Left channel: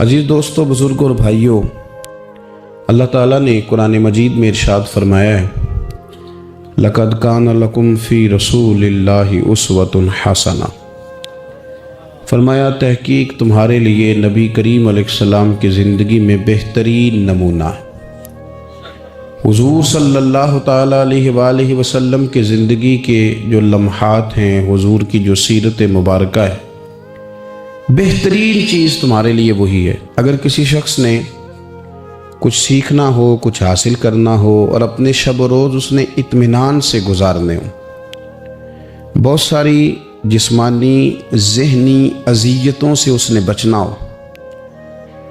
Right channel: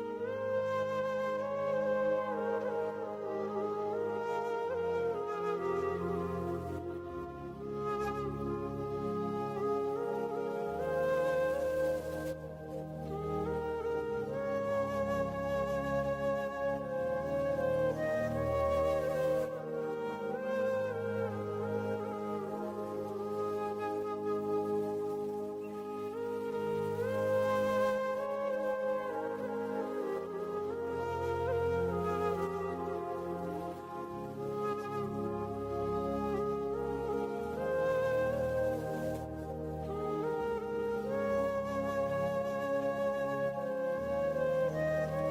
عزیز دوستو، بزرگوں اور بھائیوں، اللہ تعالیٰ نے قرآن مجید میں ارشاد فرمایا ہے، لَقَدْ كَانَ لَكُمْ فِي رَسُولِ اللَّهِ أُسْوَةٌ حَسَنَةٌ، فرمایا تحقیق تمہارے لیے نبی کریم علیہ السلام کی زندگی میں بہترین نمونہ ہے۔ حضور صلی اللہ تعالیٰ علیہ وآلہ وسلم کے زندگی کے جو لمحات ہیں، حضور کی جو سیرت مبارکہ ہے، بہترین چیز تمہارے لیے وہی ہے۔ اگر کسی شخص نے کچھ سیکھنا ہو، کچھ حاصل کرنا ہو اور اپنے شب و روز اس نے اطمینان سے گزارنے ہو، بہت ساری جسمانی ذہنی اذیتوں سے اس نے بچنا ہو،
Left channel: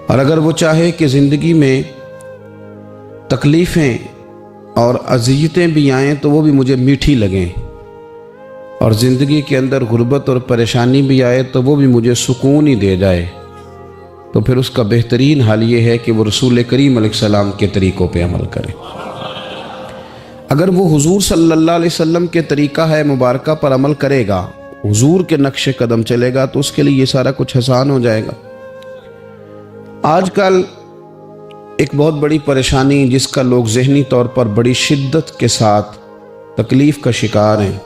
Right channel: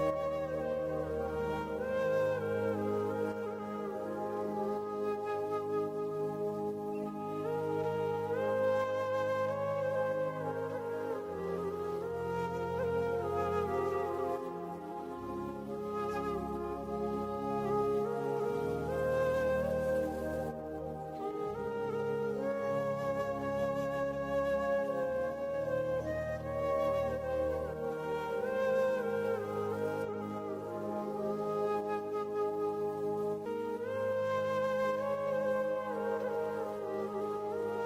اور اگر وہ چاہے کہ زندگی میں تکلیفیں اور اذیتیں بھی آئیں تو وہ بھی مجھے میٹھی لگیں، اور زندگی کے اندر غربت اور پریشانی بھی آئے تو وہ بھی مجھے سکون ہی دے جائے، تو پھر اس کا بہترین حال یہ ہے کہ وہ رسول کریم علیہ السلام کے طریقوں پہ عمل کرے۔ اگر وہ حضور صلی اللہ علیہ وسلم کے طریقہ ہے مبارکہ پر عمل کرے گا، حضور کے نقش قدم چلے گا، تو اس کے لیے یہ سارا کچھ آسان ہو جائے گا۔ آج کل ایک بہت بڑی پریشانی جس کا لوگ ذہنی طور پر بڑی شدت کے ساتھ تکلیف کا شکار ہیں،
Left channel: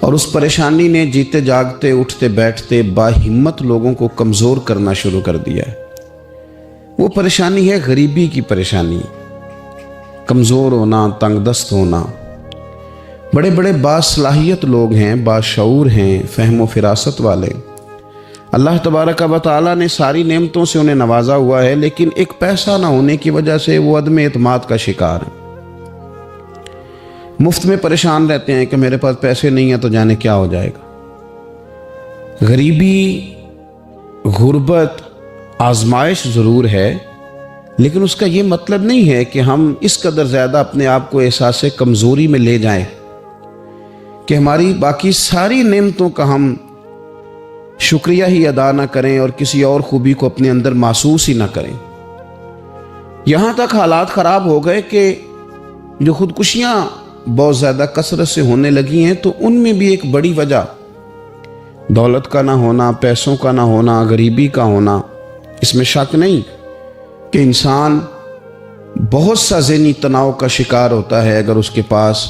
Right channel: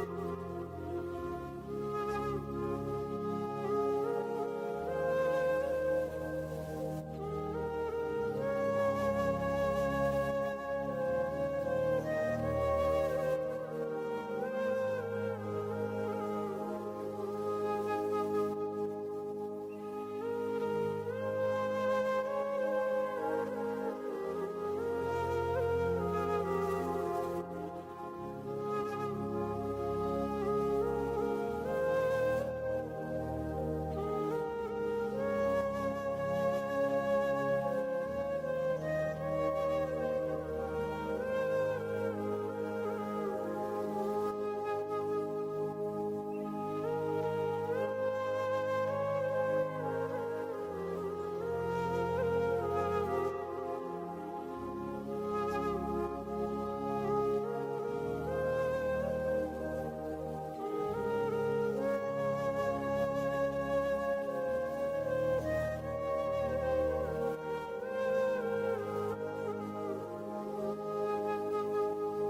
اور اس پریشانی نے جیتے جاگتے اٹھتے بیٹھتے باہمت لوگوں کو کمزور کرنا شروع کر دیا ہے۔ وہ پریشانی ہے غریبی کی پریشانی، کمزور ہونا، تنگ دست ہونا۔ بڑے بڑے باصلاحیت لوگ ہیں، باشعور ہیں، فہم و فراست والے، اللہ تبارک و تعالیٰ نے ساری نعمتوں سے انہیں نوازا ہوا ہے، لیکن ایک پیسہ نہ ہونے کی وجہ سے وہ عدم اعتماد کا شکار ہیں۔ مفت میں پریشان رہتے ہیں کہ میرے پاس پیسے نہیں ہیں تو جانے کیا ہو جائے گا۔ غریبی، غربت آزمائش ضرور ہے، لیکن اس کا یہ مطلب نہیں ہے کہ ہم اس قدر زیادہ اپنے آپ کو احساس کمزوری میں لے جائیں کہ ہماری باقی ساری نعمتوں کا ہم شکریہ ہی ادا نہ کریں اور کسی اور خوبی کو اپنے اندر محسوس ہی نہ کریں۔ یہاں تک حالات خراب ہو گئے کہ جو خودکشیاں بہت زیادہ کثرت سے ہونے لگی ہیں، تو ان میں بھی ایک بڑی وجہ دولت کا نہ ہونا، پیسوں کا نہ ہونا، غریبی کا ہونا۔ اس میں شک نہیں کہ انسان بہت سا ذہنی تناؤ کا شکار ہوتا ہے اگر اس کے پاس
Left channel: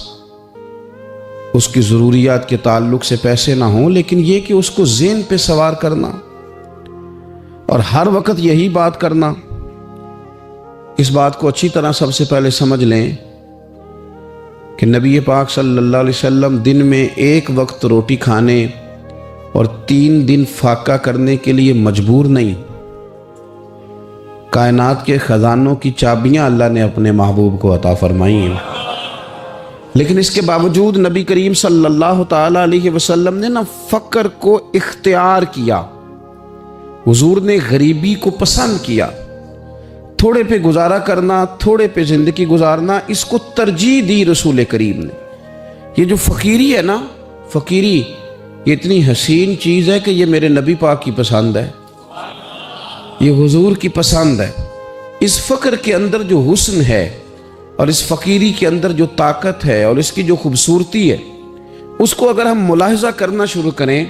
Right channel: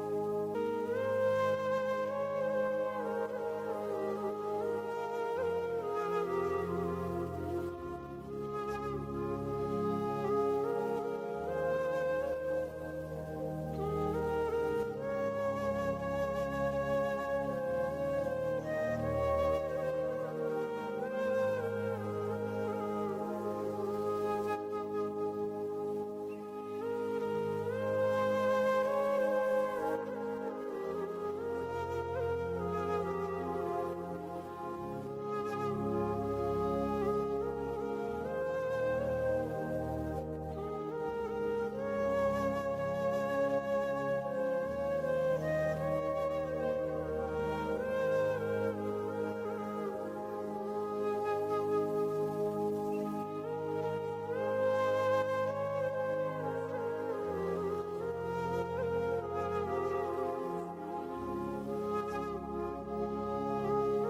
اس کی ضروریات کے تعلق سے پیسے نہ ہوں، لیکن یہ کہ اس کو ذہن پہ سوار کرنا اور ہر وقت یہی بات کرنا، اس بات کو اچھی طرح سب سے پہلے سمجھ لیں کہ نبی پاک صلی اللہ علیہ وسلم دن میں ایک وقت روٹی کھانے اور 3 دن فاقہ کرنے کے لیے مجبور نہیں۔ کائنات کے خزانوں کی چابیاں اللہ نے اپنے محبوب کو عطا فرمائی ہیں، لیکن اس کے باوجود نبی کریم صلی اللہ تعالیٰ علیہ وسلم نے فقر کو اختیار کیا۔ حضور نے غریبی کو پسند کیا۔ تھوڑے پہ گزارا کرنا، تھوڑے پہ زندگی گزارنا، اس کو ترجیح دی رسول کریم نے۔ یہ جو فقیری ہے نا، فقیری یہ اتنی حسین چیز ہے کہ یہ میرے نبی پاک کی پسند ہے، یہ حضور کی پسند ہے۔ اس فقر کے اندر جو حسن ہے اور اس فقیری کے اندر جو طاقت ہے اور اس کی جو خوبصورتی ہے، اس کو اگر ہم ملاحظہ کرنا شروع کریں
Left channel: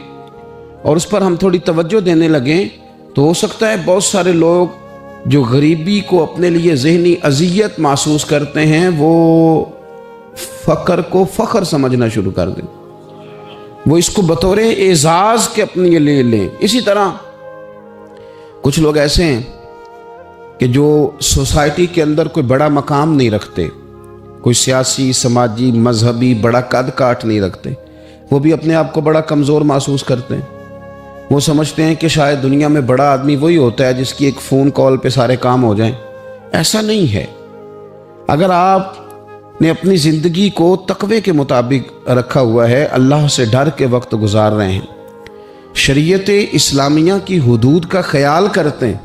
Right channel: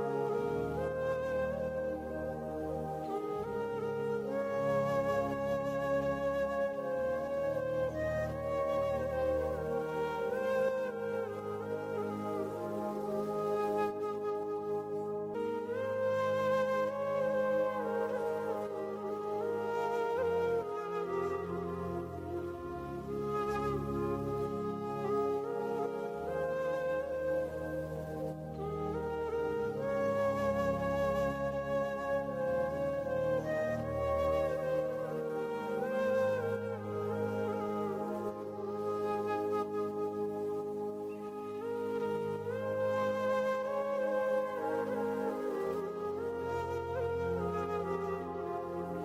اور اس پر ہم تھوڑی توجہ دینے لگیں، تو ہو سکتا ہے بہت سارے لوگ جو غریبی کو اپنے لیے ذہنی اذیت محسوس کرتے ہیں، وہ فقر کو فخر سمجھنا شروع کر دیں، وہ اس کو بطور اعزاز کے اپنے لیے لیں۔ اسی طرح کچھ لوگ ایسے ہیں کہ جو سوسائٹی کے اندر کوئی بڑا مقام نہیں رکھتے، کوئی سیاسی، سماجی، مذہبی بڑا قد کاٹ نہیں رکھتے، وہ بھی اپنے آپ کو بڑا کمزور محسوس کرتے ہیں۔ وہ سمجھتے ہیں کہ شاید دنیا میں بڑا آدمی وہی ہوتا ہے جس کی ایک فون کال پہ سارے کام ہو جائیں۔ ایسا نہیں ہے۔ اگر آپ نے اپنی زندگی کو تقوی کے مطابق رکھا ہوا ہے، اللہ سے ڈر کے وقت گزار رہے ہیں، شریعت اسلامیہ کی حدود کا خیال کرتے ہیں،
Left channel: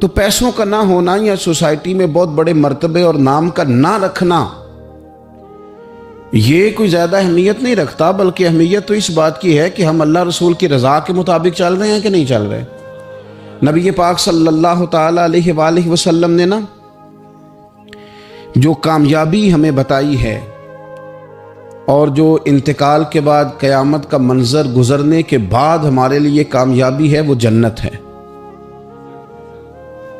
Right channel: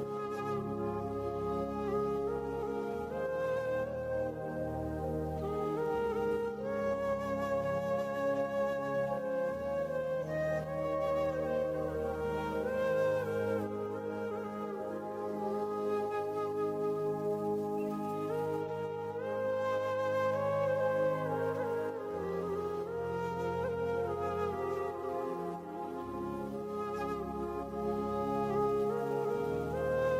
تو پیسوں کا نہ ہونا یا سوسائٹی میں بہت بڑے مرتبے اور نام کا نہ رکھنا یہ کوئی زیادہ اہمیت نہیں رکھتا، بلکہ اہمیت تو اس بات کی ہے کہ ہم اللہ رسول کی رضا کے مطابق چل رہے ہیں کہ نہیں چل رہے۔ نبی پاک صلی اللہ تعالیٰ علیہ وآلہ وسلم نے جو کامیابی ہمیں بتائی ہے اور جو انتقال کے بعد قیامت کا منظر گزرنے کے بعد ہمارے لیے کامیابی ہے، وہ جنت ہے۔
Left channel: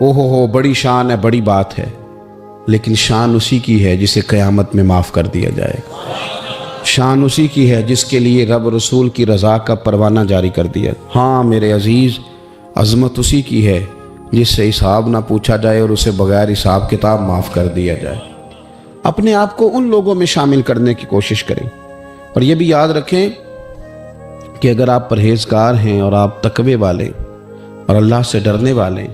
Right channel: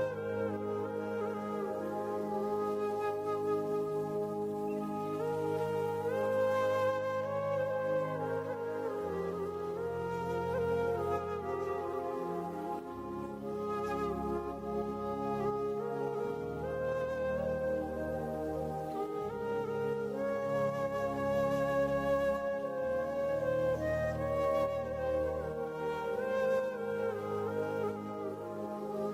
ہو بڑی شان ہے، بڑی بات ہے، لیکن شان اسی کی ہے جسے قیامت میں معاف کر دیا جائے گا۔ شان اسی کی ہے جس کے لیے رب رسول کی رضا کا پروانہ جاری کر دیا۔ ہاں میرے عزیز، عظمت اسی کی ہے جس سے حساب نہ پوچھا جائے اور اسے بغیر حساب کتاب معاف کر دیا جائے۔ اپنے آپ کو ان لوگوں میں شامل کرنے کی کوشش کریں، اور یہ بھی یاد رکھیں کہ اگر آپ پرہیزگار ہیں اور آپ تقوی والے اور اللہ سے ڈرنے والے ہیں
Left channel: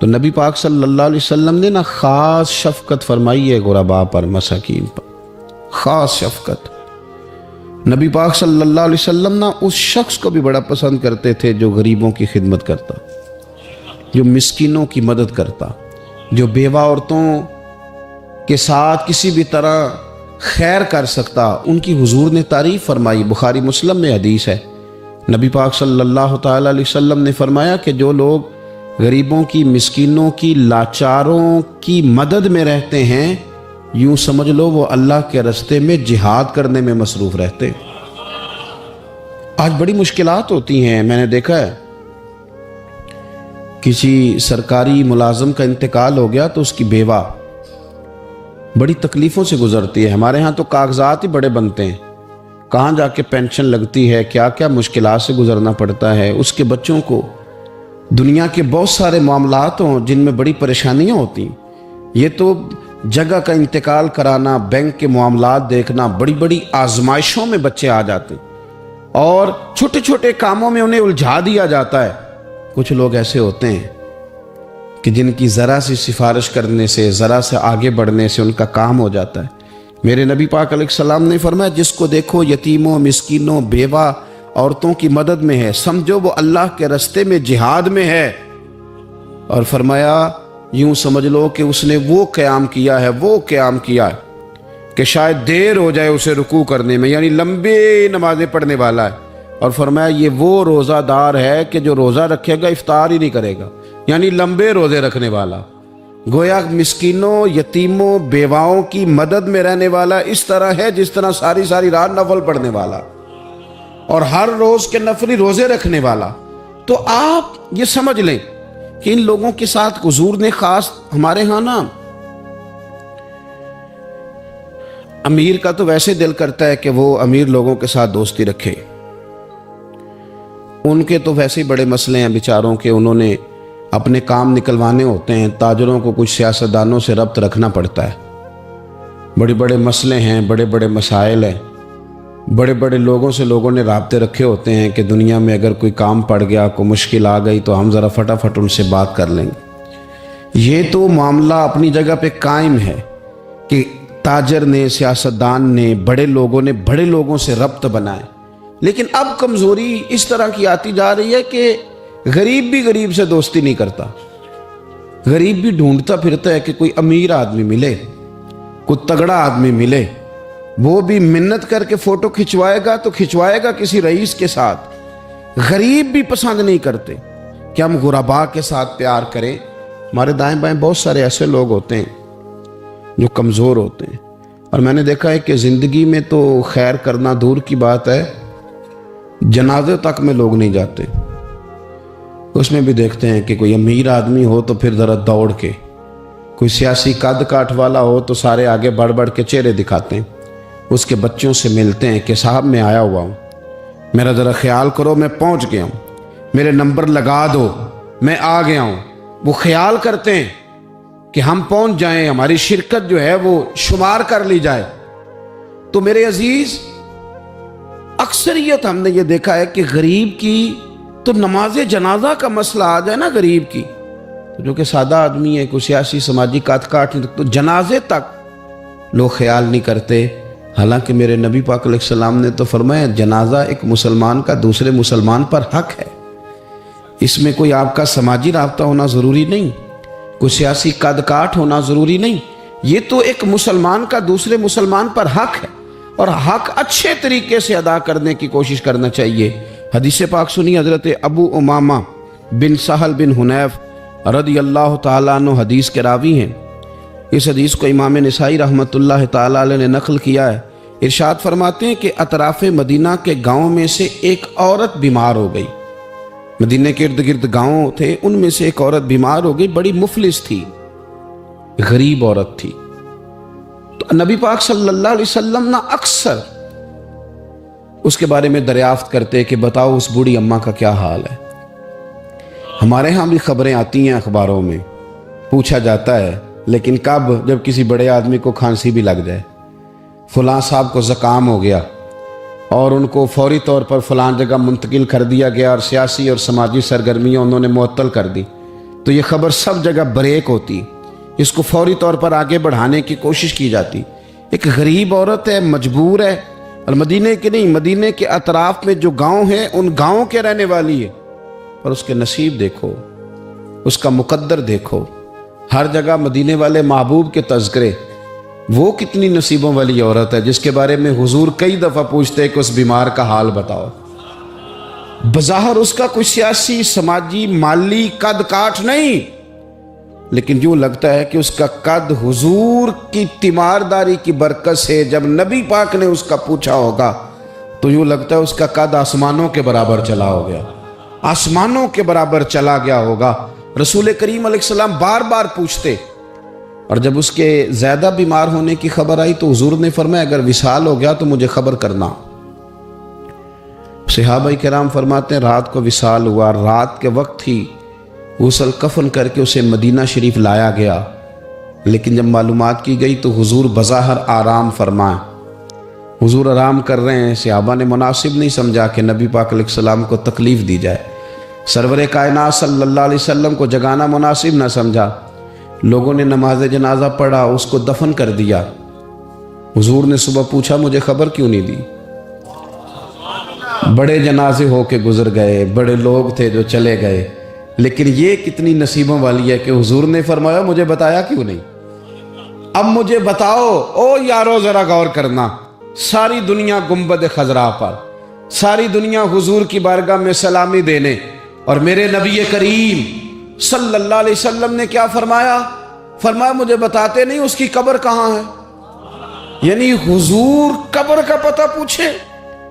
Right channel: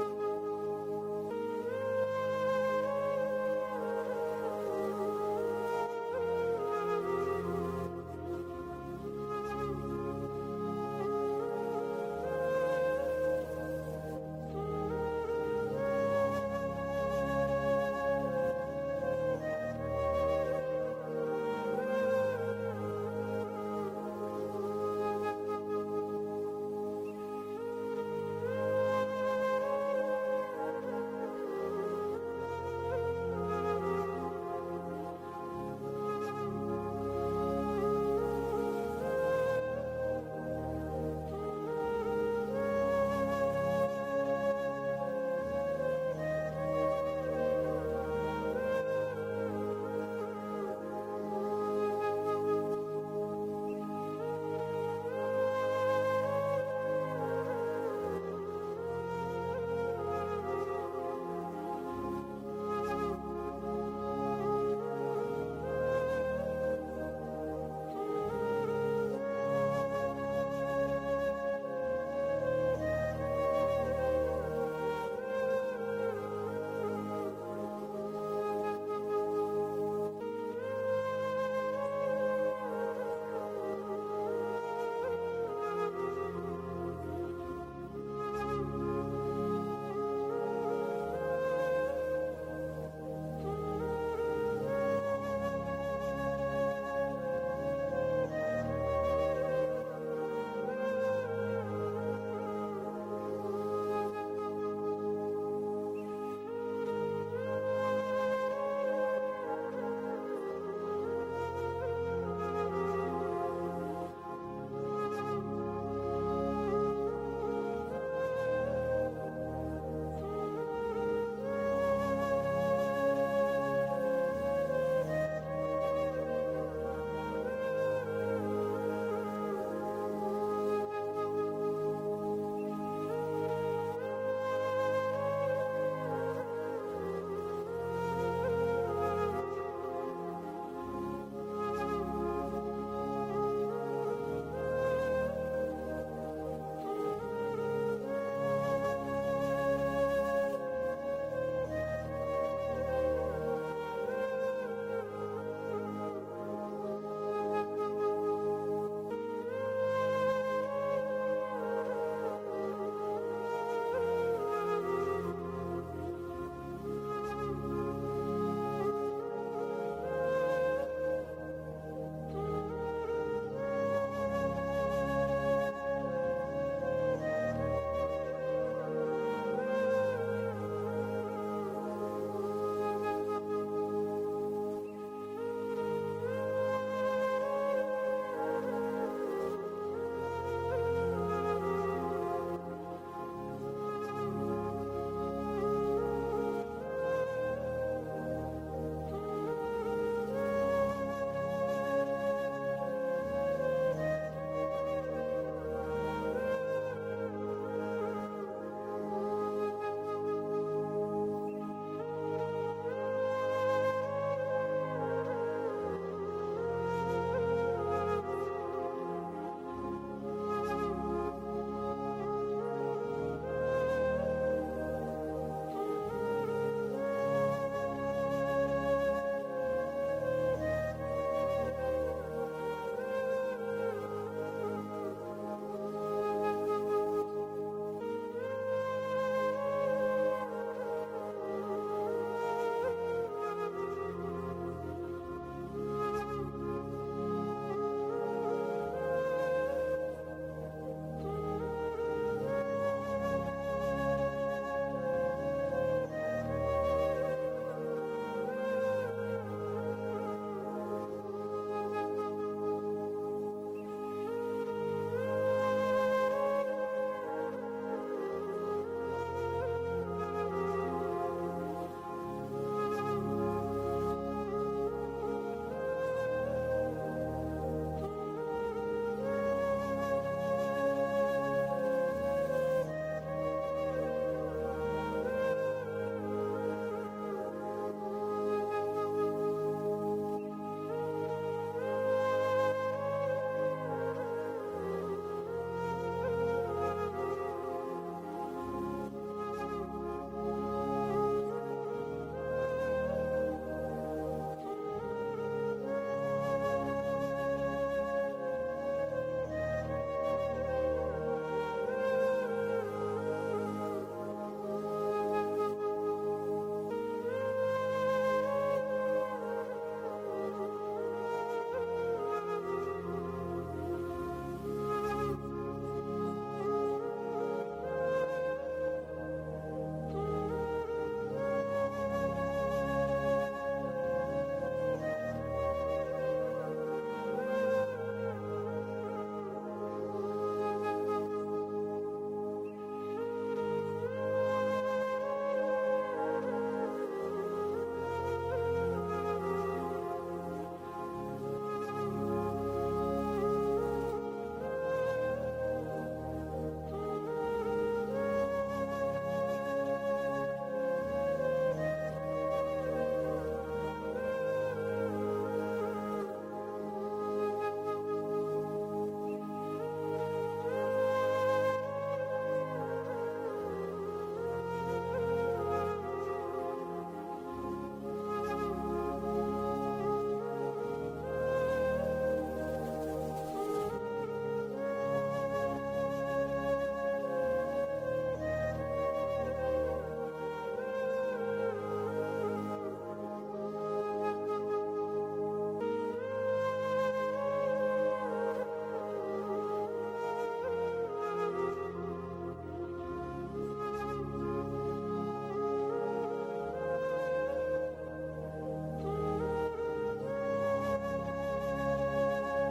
تو نبی پاک صلی اللہ علیہ وسلم نے نا خاص شفقت فرمائی ہے غرباء پر، مساکین پر، خاص شفقت۔ نبی پاک صلی اللہ علیہ وسلم نا اس شخص کو بھی بڑا پسند کرتے تھے جو غریبوں کی خدمت کرتا، جو مسکینوں کی مدد کرتا، جو بیوہ عورتوں کے ساتھ کسی بھی طرح خیر کر سکتا، ان کی حضور نے تعریف فرمائی۔ بخاری مسلم میں حدیث ہے، نبی پاک صلی اللہ تعالیٰ علیہ وسلم نے فرمایا کہ جو لوگ غریبوں کی، مسکینوں کی، لاچاروں کی مدد میں رہتے ہیں، یوں سمجھ لو وہ اللہ کے راستے میں جہاد کرنے میں مصروف رہتے۔ آج بڑی مشکلات ہوتی ہیں، میں نے دیکھا ہے کسی سرکاری ملازم کا انتقال ہو گیا تو اس کی بیوہ بڑی تکلیفوں سے گزرتی ہے۔ ہمارے ہاں تو کاغذات ہی بڑے بنتے ہیں، کہاں جا کے پینشن لگتی ہے، کیا کیا مشکلات سے گزرنا پڑتا ہے۔ اس کے بچوں کو دنیا کے بہت سارے معاملات ہوں جن میں بڑی پریشانیاں ہوتی ہیں۔ یہ تو جگہ کا انتقال کرانا، بینک کے معاملات دیکھنا، بڑی بڑی آزمائشوں میں بچے آ جاتے ہیں اور چھوٹے چھوٹے کاموں میں انہیں الجھا دیا جاتا ہے۔ کچھ لوگ ایسے ہوتے ہیں کہ جن کی ذرا سی سفارش کرنے سے، ذرا سے آگے بڑھنے سے ان کا کام ہو جاتا ہے۔ میرے نبی پاک علیہ السلام نے فرمایا جس کو دیکھو یتیموں، مسکینوں، بیوہ عورتوں کی مدد میں ہے، سمجھو وہ اللہ کے راستے میں جہاد میں ہے، اور فرمایا یوں سمجھ لو کہ اس نے وہ قیام کیا ہے کہ شاید دیر ہو جائے اسے رکوع کرنے میں، یعنی لمبی نمازیں پڑھنے والا ہے۔ اور فرمایا یہ وہ روزہ دار ہے کہ جو روزہ رکھے گا افطار ہی نہیں کرے گا، یعنی لمبے روزے رکھنے والا۔ گویا مسکینوں، یتیموں، بیواؤں کی مدد میں رہنے والا اس طرح ہے جس طرح ساری ساری رات نفل پڑھنے والا اور ہر روز کے نفلی روزے رکھنے والا۔ تو آپ یہ سمجھ لیں کہ ان لوگوں کے ساتھ حضور نے خاص، ہمارے ہاں نا امیر کا تو ویسے دل کرتا ہے کہ وہ امیر لوگوں کے ساتھ دوستی رکھے، ان کے تو ویسے ہی بڑے مسئلے ہیں بیچاروں کے، انہوں نے اپنے کام نکلوانے ہوتے ہیں، تاجروں کو کچھ سیاستدانوں سے ربط رکھنا پڑتا ہے، بڑے بڑے مسئلے ہیں، بڑے بڑے مسائل ہیں، بڑے بڑے لوگوں سے لوگوں نے رابطے رکھے ہوتے ہیں کہ دنیا میں اگر کوئی کام پڑ گیا، کوئی مشکل آ گئی تو ہم ذرا فٹافٹ ان سے بات کر لیں گے۔ یہ تو معاملہ اپنی جگہ پہ قائم ہے کہ تاجر نے، سیاستدان نے، بڑے لوگوں نے بڑے لوگوں سے ربط بنائے، لیکن اب کمزوری اس طرح کی آتی جا رہی ہے کہ غریب بھی غریب سے دوستی نہیں کرتا، غریب بھی ڈھونڈتا پھرتا ہے کہ کوئی امیر آدمی ملے، کوئی تگڑا آدمی ملے، وہ بھی منت کر کے فوٹو کھچوائے گا تو کھچوائے گا کسی رئیس کے ساتھ۔ غریب بھی پسند نہیں کرتے کہ ہم غرباء کے ساتھ پیار کریں۔ ہمارے دائیں بائیں بہت سارے ایسے لوگ ہوتے ہیں جو کمزور ہوتے ہیں، اور میں نے دیکھا ہے کہ زندگی میں تو خیر کرنا دور کی بات ہے، جنازے تک میں لوگ نہیں جاتے۔ اس میں بھی دیکھتے ہیں کہ کوئی امیر آدمی ہو تو پھر ذرا دوڑ کے، کوئی سیاسی قد کاٹ والا ہو تو سارے آگے بڑھ بڑھ کے چہرے دکھاتے ہیں، اس کے بچوں سے ملتے ہیں کہ صاحب میں آیا ہوا ہوں، میرا ذرا خیال کرو، میں پہنچ گیا ہوں، میرے نمبر لگا دو، میں آ گیا ہوں۔ وہ خیال کرتے ہیں کہ ہم پہنچ جائیں، ہماری شرکت جو ہے وہ شمار کر لی جائے۔ تو میرے عزیز، اکثریت ہم نے یہ دیکھا ہے کہ غریب کی تو نماز جنازہ کا مسئلہ آ جائے نا غریب کی، جو کہ سادہ آدمی ہے، کوئی سیاسی سماجی کاٹ تو جنازے تک لوگ خیال نہیں کرتے۔ حالانکہ میرے نبی پاک علیہ السلام نے تو فرمایا جنازہ ایک مسلمان کا دوسرے مسلمان پر حق ہے، اس میں کوئی آپ کا سماجی رابطہ ہونا ضروری نہیں، کوئی سیاسی قد کاٹ ہونا ضروری نہیں، یہ تو ایک مسلمان کا دوسرے مسلمان پر حق ہے، اور حق اچھے طریقے سے ادا کرنے کی کوشش کرنا چاہیے۔ حدیث پاک سنی، حضرت ابو امامہ بن سہل بن حنیف رضی اللہ تعالیٰ عنہ حدیث کے راوی ہیں۔ اس حدیث کو امام نسائی رحمۃ اللہ تعالیٰ علیہ نے نقل کیا ہے۔ ارشاد فرماتے ہیں کہ اطراف مدینہ کے گاؤں میں سے ایک عورت بیمار ہو گئی، مدینے کے ارد گرد گاؤں تھے، ان میں سے ایک عورت بیمار ہو گئی، بڑی مفلس تھی، غریب عورت تھی۔ تو نبی پاک صلی اللہ علیہ وسلم نا اکثر اس کے بارے میں دریافت کرتے کہ بتاؤ اس بوڑھی اماں کا کیا حال ہے۔ ہمارے ہاں بھی خبریں آتی ہیں اخباروں میں، پوچھا جاتا ہے، لیکن کب؟ جب کسی بڑے آدمی کو کھانسی بھی لگ جائے، فلاں صاحب کو زکام ہو گیا اور ان کو فوری طور پر فلاں جگہ منتقل کر دیا گیا اور سیاسی اور سماجی سرگرمیاں انہوں نے معطل کر دی، تو یہ خبر سب جگہ بریک ہوتی، اس کو فوری طور پر آگے بڑھانے کی کوشش کی جاتی۔ ایک غریب عورت ہے، مجبور ہے، اور مدینے کے نہیں، مدینے کے اطراف میں جو گاؤں ہیں ان گاؤں کے رہنے والی ہے، اور اس کے نصیب دیکھو، اس کا مقدر دیکھو، ہر جگہ مدینے والے محبوب کے تذکرے۔ وہ کتنی نصیبوں والی عورت ہے جس کے بارے میں حضور کئی دفعہ پوچھتے ہیں کہ اس بیمار کا حال بتاؤ۔ بظاہر اس کا کوئی سیاسی، سماجی، مالی قد کاٹ نہیں، لیکن یوں لگتا ہے کہ اس کا قد حضور کی تیمارداری کی برکت سے، جب نبی پاک نے اس کا پوچھا ہوگا تو یوں لگتا ہے اس کا قد آسمانوں کے برابر چلا ہو گیا، آسمانوں کے برابر چلا گیا ہوگا۔ رسول کریم علیہ السلام بار بار پوچھتے، اور جب اس کے زیادہ بیمار ہونے کی خبر آئی تو حضور نے فرمایا اگر وصال ہو گیا تو مجھے خبر کرنا۔ صحابہ کرام فرماتے ہیں رات کو وصال ہوا، رات کے وقت ہی غسل کفن کر کے اسے مدینہ شریف لایا گیا، لیکن جب معلومات کی گئی تو حضور بظاہر آرام فرمائے، حضور آرام کر رہے ہیں۔ صحابہ نے مناسب نہیں سمجھا کہ نبی پاک علیہ السلام کو تکلیف دی جائے، سرور کائنات صلی اللہ علیہ وسلم کو جگانا مناسب نہ سمجھا۔ لوگوں نے نماز جنازہ پڑھا، اس کو دفن کر دیا۔ حضور نے صبح پوچھا مجھے خبر کیوں نہیں دی؟ بڑے جنازے ہو کے گزر گئے، بڑے لوگ تھے جو چلے گئے، لیکن یہ کتنی نصیبوں والی ہے کہ حضور نے فرمایا مجھے بتایا کیوں نہیں؟ اب مجھے بتاؤ۔ او یارو ذرا غور کرنا، ساری دنیا گنبد خضرا پر، ساری دنیا حضور کی بارگاہ میں سلامی دینے، اور میرے نبی کریم صلی اللہ علیہ وسلم نے کیا فرمایا؟ فرمایا مجھے بتاتے نہیں اس کی قبر کہاں ہے؟ یعنی حضور قبر کا پتہ پوچھے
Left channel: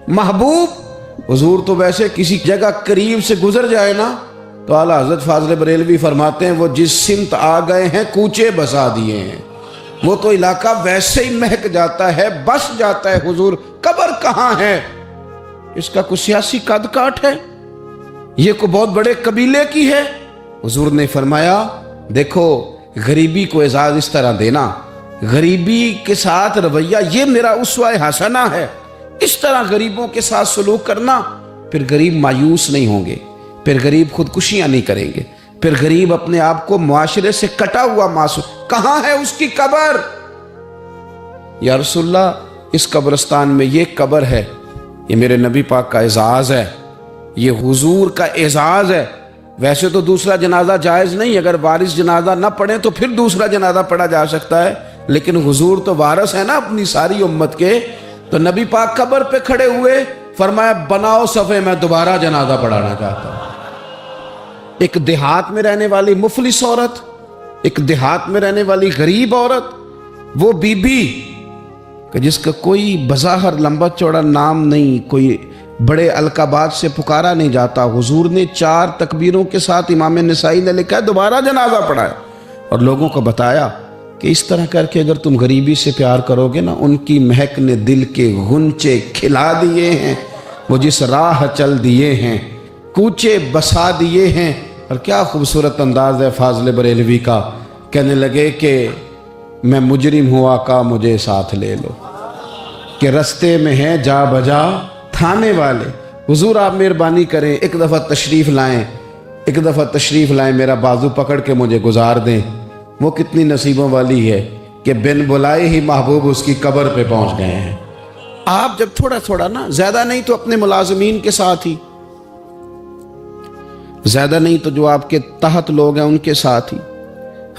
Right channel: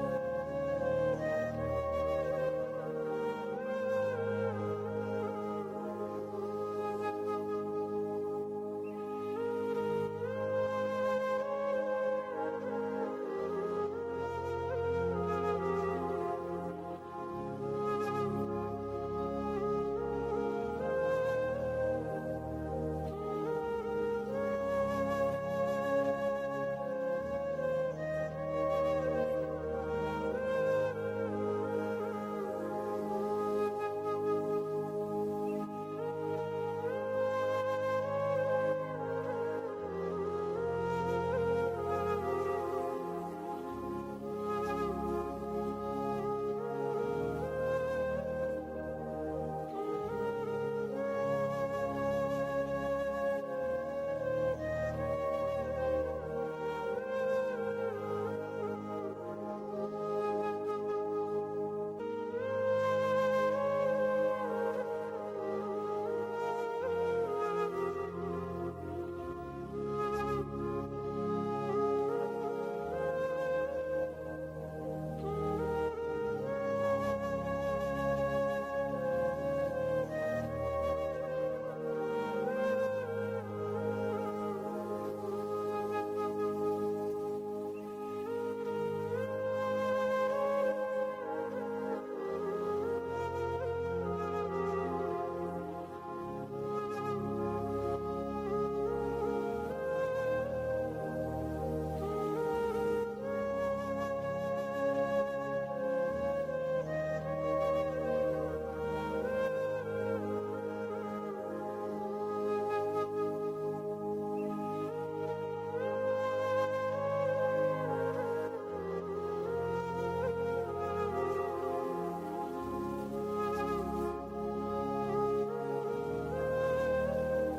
محبوب؟ حضور تو ویسے کسی جگہ قریب سے گزر جائے نا تو اعلیٰ حضرت فاضل بریلوی فرماتے ہیں وہ جس سمت آ گئے ہیں کوچے بسا دیے ہیں، وہ تو علاقہ ویسے ہی مہک جاتا ہے، بس جاتا ہے۔ حضور قبر کہاں ہے؟ اس کا کوئی سیاسی قد کاٹ ہے؟ یہ کوئی بہت بڑے قبیلے کی ہے؟ حضور نے فرمایا دیکھو غریبی کو اعزاز اس طرح دینا، غریبی کے ساتھ رویہ یہ میرا اسوہ حسنہ ہے، اس طرح غریبوں کے ساتھ سلوک کرنا، پھر غریب مایوس نہیں ہوں گے، پھر غریب خودکشیاں نہیں کریں گے، پھر غریب اپنے آپ کو معاشرے سے کٹا ہوا محسوس۔ کہاں ہے اس کی قبر؟ یا رسول اللہ اس قبرستان میں یہ قبر ہے، یہ میرے نبی پاک کا اعزاز ہے، یہ حضور کا اعزاز ہے۔ ویسے تو دوسرا جنازہ جائز نہیں، اگر وارث جنازہ نہ پڑھے تو پھر دوسرا جنازہ پڑھا جا سکتا ہے، لیکن حضور تو وارث ہے نا اپنی ساری امت کے۔ تو نبی پاک قبر پہ کھڑے ہوئے، فرمایا بناؤ صفے، میں دوبارہ جنازہ پڑھانا چاہتا ہوں۔ ایک دیہات میں رہنے والی مفلس عورت، ایک دیہات میں رہنے والی غریب عورت، وہ بی بی کہ جس کا کوئی بظاہر لمبا چوڑا نام نہیں، کوئی بڑے القابات سے پکارا نہیں جاتا، حضور نے 4 تکبیروں کے ساتھ امام نسائی نے لکھا ہے دوبارہ جنازہ پڑھایا، اور لوگوں کو بتایا کہ اس طرح کر کے اگر تم غریبی سے پیار کرو گے نا، ان کی مہک نے دل کے غنچے کھلا دیے ہیں، وہ جس راہ چل دیے ہیں کوچے بسا دیے ہیں۔ اور کیا خوبصورت انداز ہے فاضل بریلوی کا، کہنے لگے کہ میں مجرم ہوا کا مجھے ساتھ لے لو، کہ رستے میں ہیں جا بجا تھانے والے۔ حضور آپ مہربانی کریں، ایک دفعہ تشریف لائیں، ایک دفعہ تشریف لائیں، میرا بازو پکڑ کے مجھے گزار دیں۔ وہ کتنی نصیبوں والی ہے کہ بن بلائے ہی محبوب اس کی قبر پہ پہنچ گئے ہیں۔ آپ جب تھوڑا تھوڑا نا، زیادہ نہیں تو اپنے ملازمین کے ساتھ ہی، زیادہ نہیں تو جو آپ کے تحت لوگ ہیں ان کے ساتھ ہی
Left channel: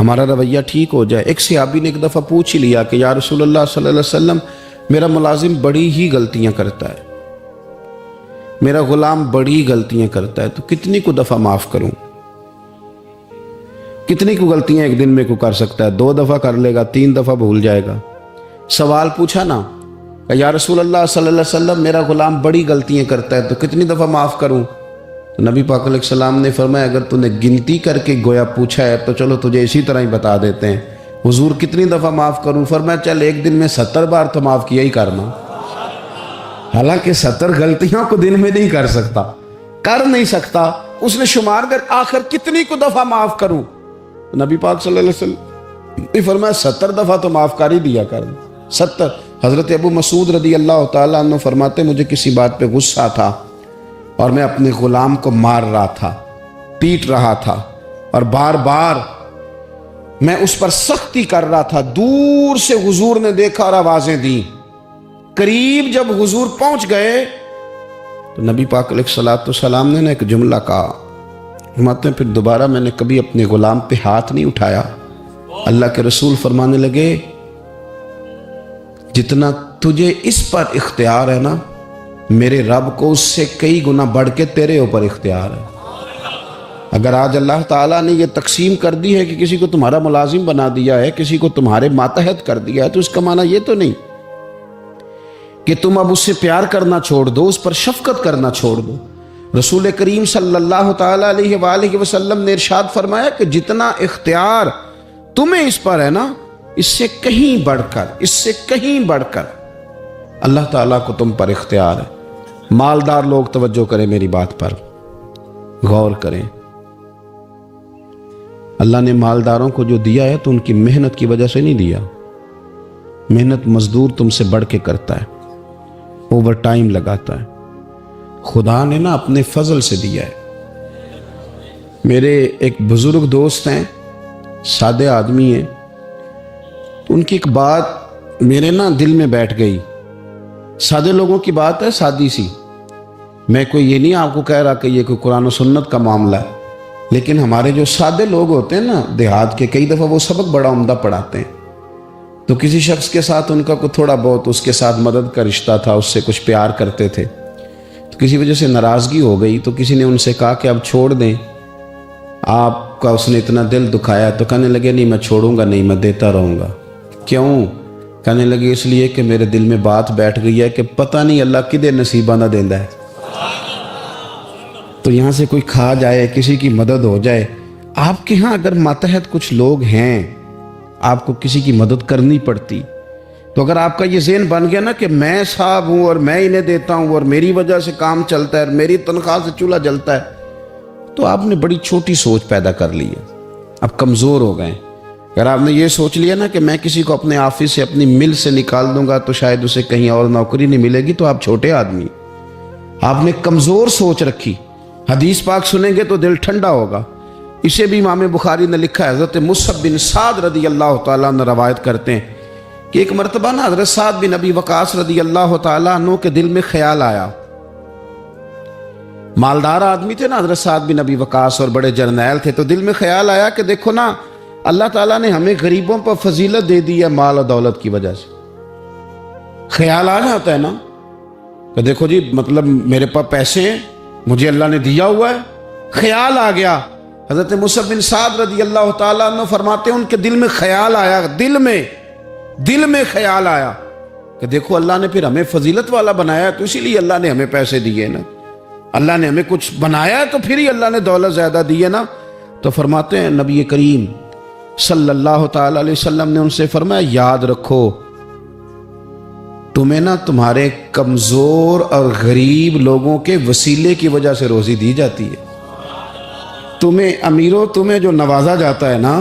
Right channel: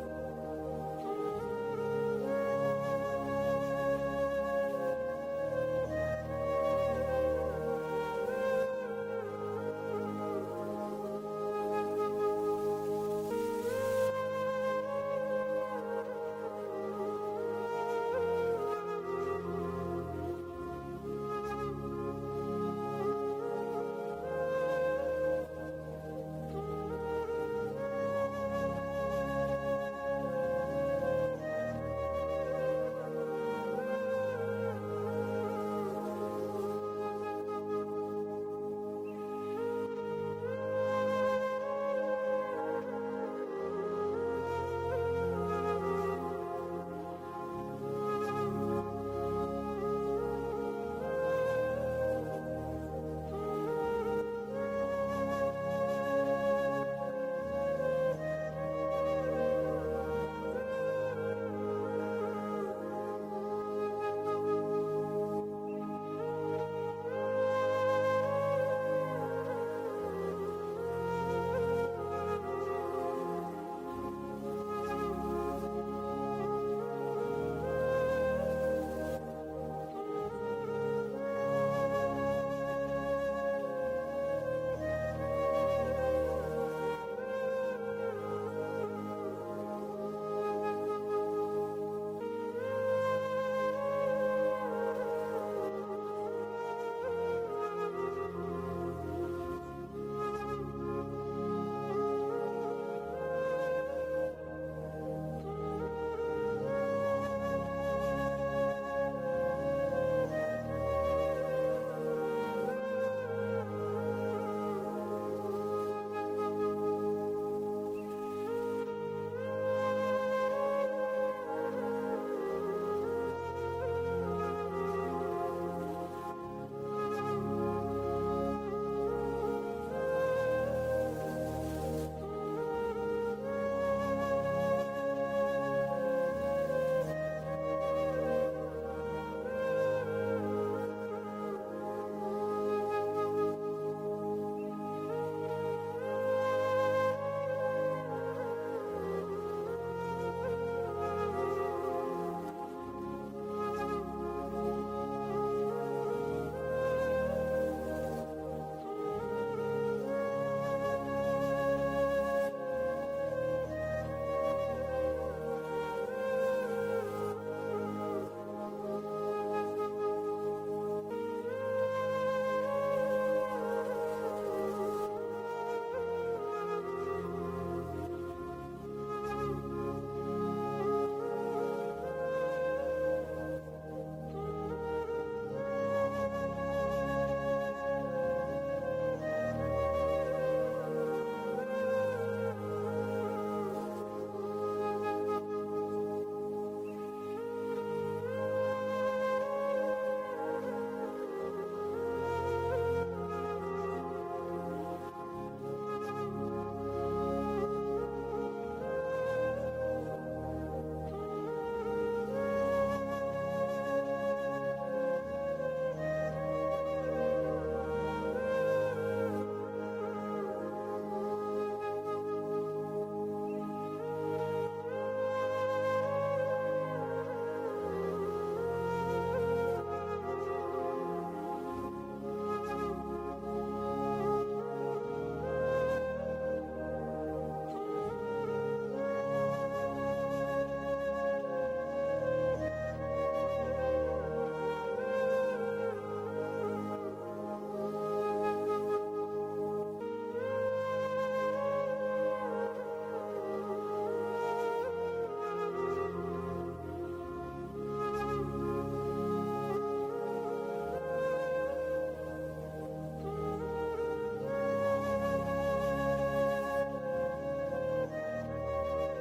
ہمارا رویہ ٹھیک ہو جائے۔ ایک صحابی نے ایک دفعہ پوچھ ہی لیا کہ یا رسول اللہ صلی اللہ علیہ وسلم میرا ملازم بڑی ہی غلطیاں کرتا ہے، میرا غلام بڑی غلطیاں کرتا ہے، تو کتنی کو دفعہ معاف کروں؟ کتنی کو غلطیاں ایک دن میں کو کر سکتا ہے؟ 2 دفعہ کر لے گا، 3 دفعہ بھول جائے گا۔ سوال پوچھا نا کہ یا رسول اللہ صلی اللہ علیہ وسلم میرا غلام بڑی غلطیاں کرتا ہے تو کتنی دفعہ معاف کروں؟ نبی پاک علیہ السلام نے فرمایا اگر تو نے گنتی کر کے گویا پوچھا ہے تو چلو تجھے اسی طرح ہی بتا دیتے ہیں، حضور کتنی دفعہ معاف کروں؟ فرمایا چل ایک دن میں 70 بار تو معاف کیا ہی کرنا۔ حالانکہ 70 غلطیوں کو دن میں نہیں کر نہیں سکتا، اس نے شمار کر آخر کتنی کو دفعہ معاف کروں؟ نبی پاک صلی اللہ علیہ وسلم نے فرمایا 70 دفعہ تو معاف کر ہی دیا کر۔ 70۔ حضرت ابو مسعود رضی اللہ تعالیٰ عنہ فرماتے مجھے کسی بات پہ غصہ تھا اور میں اپنے غلام کو مار رہا تھا، پیٹ رہا تھا، اور بار بار میں اس پر سختی کر رہا تھا۔ دور سے حضور نے دیکھا اور آوازیں دیں۔ قریب جب حضور پہنچ گئے تو نبی پاک علیہ السلام نے ایک جملہ کہا، فرماتے ہیں پھر دوبارہ میں نے کبھی اپنے غلام پہ ہاتھ نہیں اٹھایا۔ اللہ کے رسول فرمانے لگے جتنا تجھے اس پر اختیار ہے نا، میرے رب کو اس سے کئی گنا بڑھ کے تیرے اوپر اختیار ہے۔ اگر آج اللہ تعالیٰ نے یہ تقسیم کر دی ہے کہ کسی کو تمہارا ملازم بنا دیا ہے، کسی کو تمہارے ماتحت کر دیا ہے، تو اس کا معنی یہ تو نہیں کہ تم اب اس سے پیار کرنا چھوڑ دو، اس پر شفقت کرنا چھوڑ دو۔ رسول کریم صلی اللہ تعالیٰ علیہ وآلہ وسلم نے ارشاد فرمایا کہ جتنا اختیار تمہیں اس پر ہے نا، اس سے کہیں بڑھ کر اللہ تعالیٰ کو تم پر اختیار ہے۔ مالدار لوگ توجہ کریں، میری بات پر غور کریں۔ اللہ نے مالداروں کو جو دیا ہے تو ان کی محنت کی وجہ سے نہیں دیا۔ محنت مزدور تم سے بڑھ کے کرتا ہے، اوور ٹائم لگاتا ہے۔ خدا نے نا اپنے فضل سے دیا ہے۔ میرے ایک بزرگ دوست ہیں، سادے آدمی ہیں، ان کی ایک بات میرے نا دل میں بیٹھ گئی۔ سادے لوگوں کی بات ہے، سادی سی، میں کوئی یہ نہیں آپ کو کہہ رہا کہ یہ کوئی قرآن و سنت کا معاملہ ہے، لیکن ہمارے جو سادے لوگ ہوتے ہیں نا دیہات کے، کئی دفعہ وہ سبق بڑا عمدہ پڑھاتے ہیں۔ تو کسی شخص کے ساتھ ان کا کوئی تھوڑا بہت اس کے ساتھ مدد کا رشتہ تھا، اس سے کچھ پیار کرتے تھے، تو کسی وجہ سے ناراضگی ہو گئی تو کسی نے ان سے کہا کہ اب چھوڑ دیں، آپ کا اس نے اتنا دل دکھایا۔ تو کہنے لگے نہیں میں چھوڑوں گا نہیں، میں دیتا رہوں گا۔ کیوں؟ کہنے لگے اس لیے کہ میرے دل میں بات بیٹھ گئی ہے کہ پتہ نہیں اللہ کدے نصیبہ نہ دیندا ہے، تو یہاں سے کوئی کھا جائے، کسی کی مدد ہو جائے۔ آپ کے ہاں اگر ماتحت کچھ لوگ ہیں، آپ کو کسی کی مدد کرنی پڑتی، تو اگر آپ کا یہ ذہن بن گیا نا کہ میں صاحب ہوں اور میں انہیں دیتا ہوں اور میری وجہ سے کام چلتا ہے اور میری تنخواہ سے چولہا جلتا ہے، تو آپ نے بڑی چھوٹی سوچ پیدا کر لی ہے، اب کمزور ہو گئے۔ اگر آپ نے یہ سوچ لیا نا کہ میں کسی کو اپنے آفس سے اپنی مل سے نکال دوں گا تو شاید اسے کہیں اور نوکری نہیں ملے گی، تو آپ چھوٹے آدمی، آپ نے کمزور سوچ رکھی۔ حدیث پاک سنیں گے تو دل ٹھنڈا ہوگا۔ اسے بھی امام بخاری نے لکھا ہے، حضرت مصعب بن سعد رضی اللہ تعالیٰ عنہ روایت کرتے ہیں کہ ایک مرتبہ نا حضرت سعد بن ابی وقاص رضی اللہ تعالیٰ عنہ کے دل میں خیال آیا۔ مالدار آدمی تھے نا حضرت سعد بن ابی وقاص اور بڑے جرنیل تھے، تو دل میں خیال آیا کہ دیکھو نا اللہ تعالیٰ نے ہمیں غریبوں پر فضیلت دے دی ہے مال و دولت کی وجہ سے۔ خیال آ جاتا ہے نا کہ دیکھو جی مطلب میرے پاس پیسے ہیں، مجھے اللہ نے دیا ہوا ہے۔ خیال آ گیا۔ حضرت مصعب بن سعد رضی اللہ تعالیٰ عنہ فرماتے ہیں ان کے دل میں خیال آیا، دل میں خیال آیا کہ دیکھو اللہ نے پھر ہمیں فضیلت والا بنایا، تو اسی لیے اللہ نے ہمیں پیسے دیے نا، اللہ نے ہمیں کچھ بنایا ہے تو پھر ہی اللہ نے دولت زیادہ دی ہے نا۔ تو فرماتے ہیں نبی کریم صلی اللہ تعالیٰ علیہ وسلم نے ان سے فرمایا یاد رکھو تمہیں نا تمہارے کمزور اور غریب لوگوں کے وسیلے کی وجہ سے روزی دی جاتی ہے۔ تمہیں امیروں تمہیں جو نوازا جاتا ہے نا،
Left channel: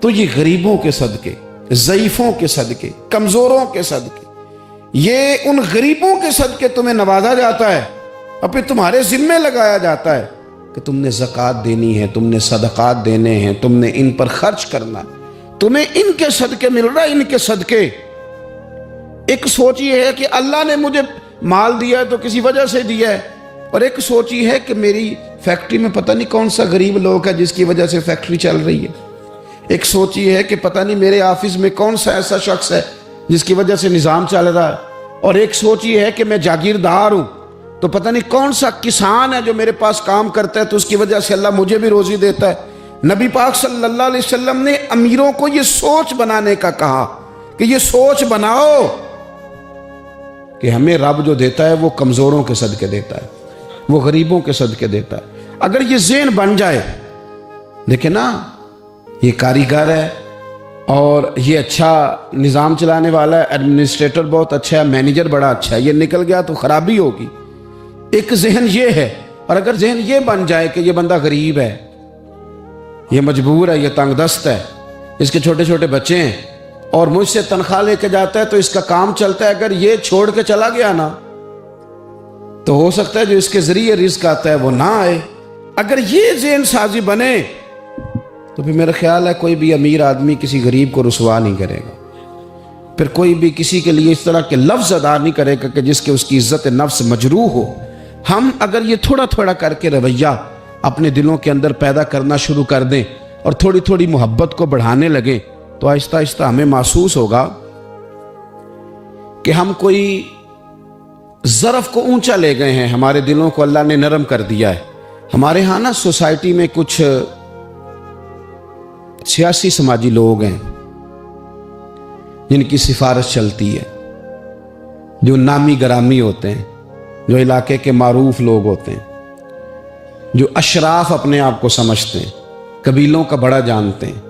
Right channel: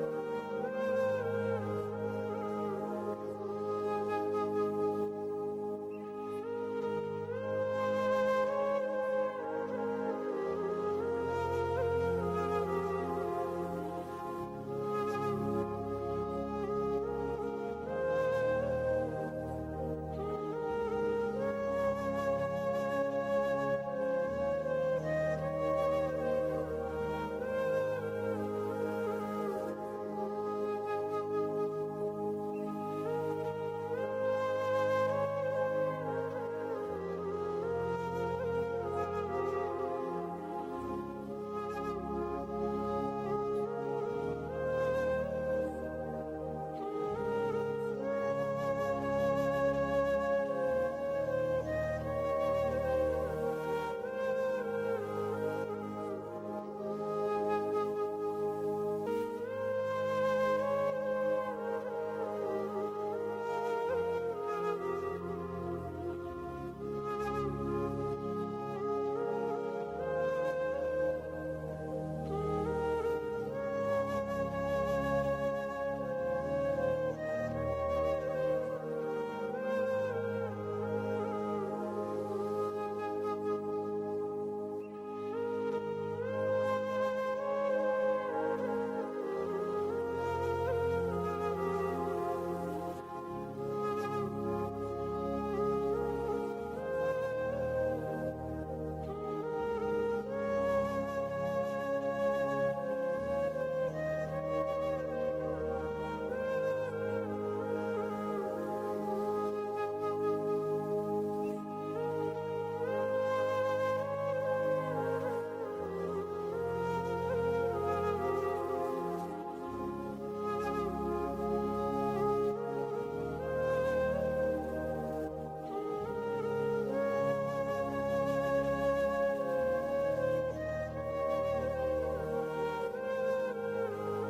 تو یہ غریبوں کے صدقے، ضعیفوں کے صدقے، کمزوروں کے صدقے، یہ ان غریبوں کے صدقے تمہیں نوازا جاتا ہے اور پھر تمہارے ذمے لگایا جاتا ہے کہ تم نے زکوٰۃ دینی ہے، تم نے صدقات دینے ہیں، تم نے ان پر خرچ کرنا ہے، تمہیں ان کے صدقے مل رہا ہے، ان کے صدقے۔ ایک سوچ یہ ہے کہ اللہ نے مجھے مال دیا ہے تو کسی وجہ سے دیا ہے، اور ایک سوچ یہ ہے کہ میری فیکٹری میں پتہ نہیں کون سا غریب لوگ ہے جس کی وجہ سے فیکٹری چل رہی ہے۔ ایک سوچ یہ ہے کہ پتہ نہیں میرے آفس میں کون سا ایسا شخص ہے جس کی وجہ سے نظام چل رہا ہے، اور ایک سوچ یہ ہے کہ میں جاگیردار ہوں تو پتہ نہیں کون سا کسان ہے جو میرے پاس کام کرتا ہے تو اس کی وجہ سے اللہ مجھے بھی روزی دیتا ہے۔ نبی پاک صلی اللہ علیہ وسلم نے امیروں کو یہ سوچ بنانے کا کہا کہ یہ سوچ بناؤ کہ ہمیں رب جو دیتا ہے وہ کمزوروں کے صدقے دیتا ہے، وہ غریبوں کے صدقے دیتا ہے۔ اگر یہ ذہن بن جائے، دیکھیں نا، یہ کاریگر ہے اور یہ اچھا نظام چلانے والا ہے، ایڈمنسٹریٹر بہت اچھا ہے، مینیجر بڑا اچھا ہے، یہ نکل گیا تو خرابی ہوگی۔ ایک ذہن یہ ہے، اور اگر ذہن یہ بن جائے کہ یہ بندہ غریب ہے، یہ مجبور ہے، یہ تنگ دست ہے، اس کے چھوٹے چھوٹے بچے ہیں اور مجھ سے تنخواہ لے کے جاتا ہے تو اس کا کام چلتا ہے، اگر یہ چھوڑ کے چلا گیا نا تو ہو سکتا ہے جو اس کے ذریعے رزق آتا ہے وہ نہ آئے۔ اگر یہ ذہن سازی بنے تو پھر میرا خیال ہے کوئی بھی امیر آدمی کسی غریب کو رسوا نہیں کرے گا، پھر کوئی بھی کسی کے لیے اس طرح کے لفظ ادا نہیں کرے گا کہ جس کے اس کی عزت نفس مجروح ہو۔ ہم اگر یہ تھوڑا تھوڑا کر کے رویہ اپنے دلوں کے اندر پیدا کرنا شروع کر دیں اور تھوڑی تھوڑی محبت کو بڑھانے لگیں تو آہستہ آہستہ ہمیں محسوس ہوگا کہ ہم کوئی ظرف کو اونچا لے گئے ہیں، ہمارے دلوں کو اللہ نے نرم کر دیا ہے۔ ہمارے ہاں نا سوسائٹی میں کچھ سیاسی سماجی لوگ ہیں جن کی سفارش چلتی ہے، جو نامی گرامی ہوتے ہیں، جو علاقے کے معروف لوگ ہوتے ہیں، جو اشراف اپنے آپ کو سمجھتے ہیں، قبیلوں کا بڑا جانتے ہیں۔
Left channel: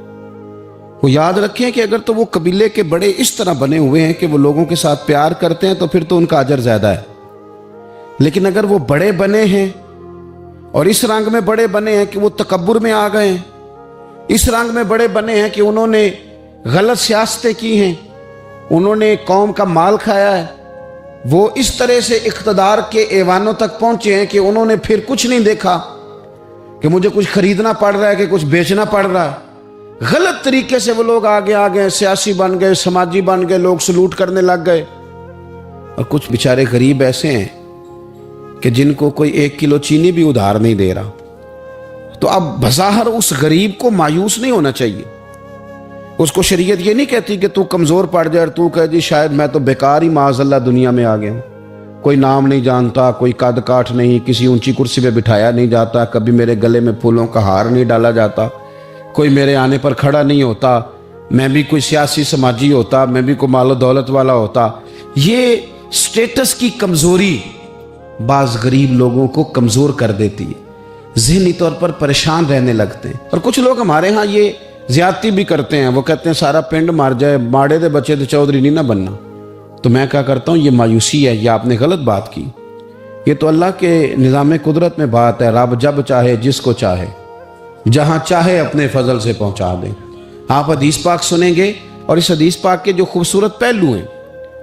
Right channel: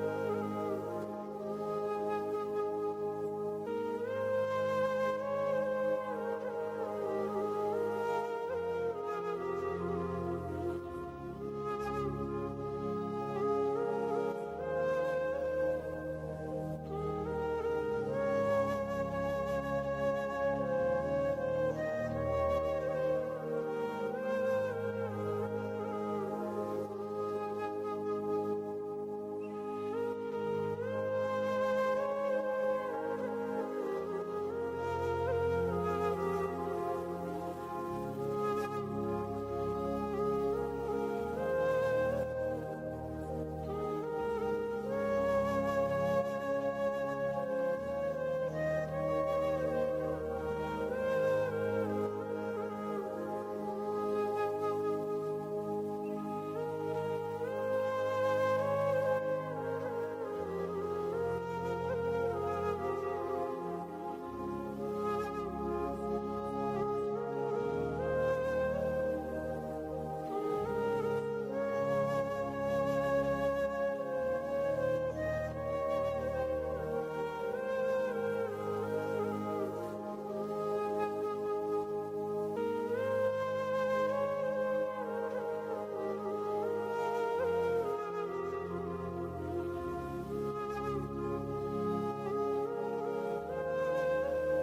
وہ یاد رکھیں کہ اگر تو وہ قبیلے کے بڑے اس طرح بنے ہوئے ہیں کہ وہ لوگوں کے ساتھ پیار کرتے ہیں تو پھر تو ان کا اجر زیادہ ہے، لیکن اگر وہ بڑے بنے ہیں اور اس رنگ میں بڑے بنے ہیں کہ وہ تکبر میں آ گئے ہیں، اس رنگ میں بڑے بنے ہیں کہ انہوں نے غلط سیاستیں کی ہیں، انہوں نے قوم کا مال کھایا ہے، وہ اس طرح سے اقتدار کے ایوانوں تک پہنچے ہیں کہ انہوں نے پھر کچھ نہیں دیکھا کہ مجھے کچھ خریدنا پڑ رہا ہے کہ کچھ بیچنا پڑ رہا ہے۔ غلط طریقے سے وہ لوگ آگے آگے سیاسی بن گئے، سماجی بن گئے، لوگ سلوٹ کرنے لگ گئے، اور کچھ بیچارے غریب ایسے ہیں کہ جن کو کوئی 1 کلو چینی بھی ادھار نہیں دے رہا۔ تو اب بظاہر اس غریب کو مایوس نہیں ہونا چاہیے، اس کو شریعت یہ نہیں کہتی کہ تو کمزور پڑ جائے اور تو کہے جی شاید میں تو بیکار ہی معاذ اللہ دنیا میں آ گیا ہوں، کوئی نام نہیں جانتا، کوئی قد کاٹ نہیں، کسی اونچی کرسی پہ بٹھایا نہیں جاتا، کبھی میرے گلے میں پھولوں کا ہار نہیں ڈالا جاتا، کوئی میرے آنے پر کھڑا نہیں ہوتا، میں بھی کوئی سیاسی سماجی ہوتا، میں بھی کوئی مال و دولت والا ہوتا۔ یہ سٹیٹس کی کمزوری بعض غریب لوگوں کو کمزور کر دیتی ہے، ذہنی طور پر پریشان رہنے لگتے ہیں۔ اور کچھ لوگ ہمارے ہاں یہ زیادتی بھی کرتے ہیں، وہ کہتے ہیں سارا پنڈ مار جائے، ماڑے دے بچے تو چودھری نہیں نہ بننا۔ تو میں کیا کرتا ہوں، یہ مایوسی ہے، یہ آپ نے غلط بات کی، یہ تو اللہ کے نظام قدرت میں بات ہے، رب جب چاہے جس کو چاہے جہاں چاہے اپنے فضل سے پہنچا دیں۔ آپ حدیث پاک سنیں گے اور اس حدیث پاک کے جو خوبصورت پہلو ہیں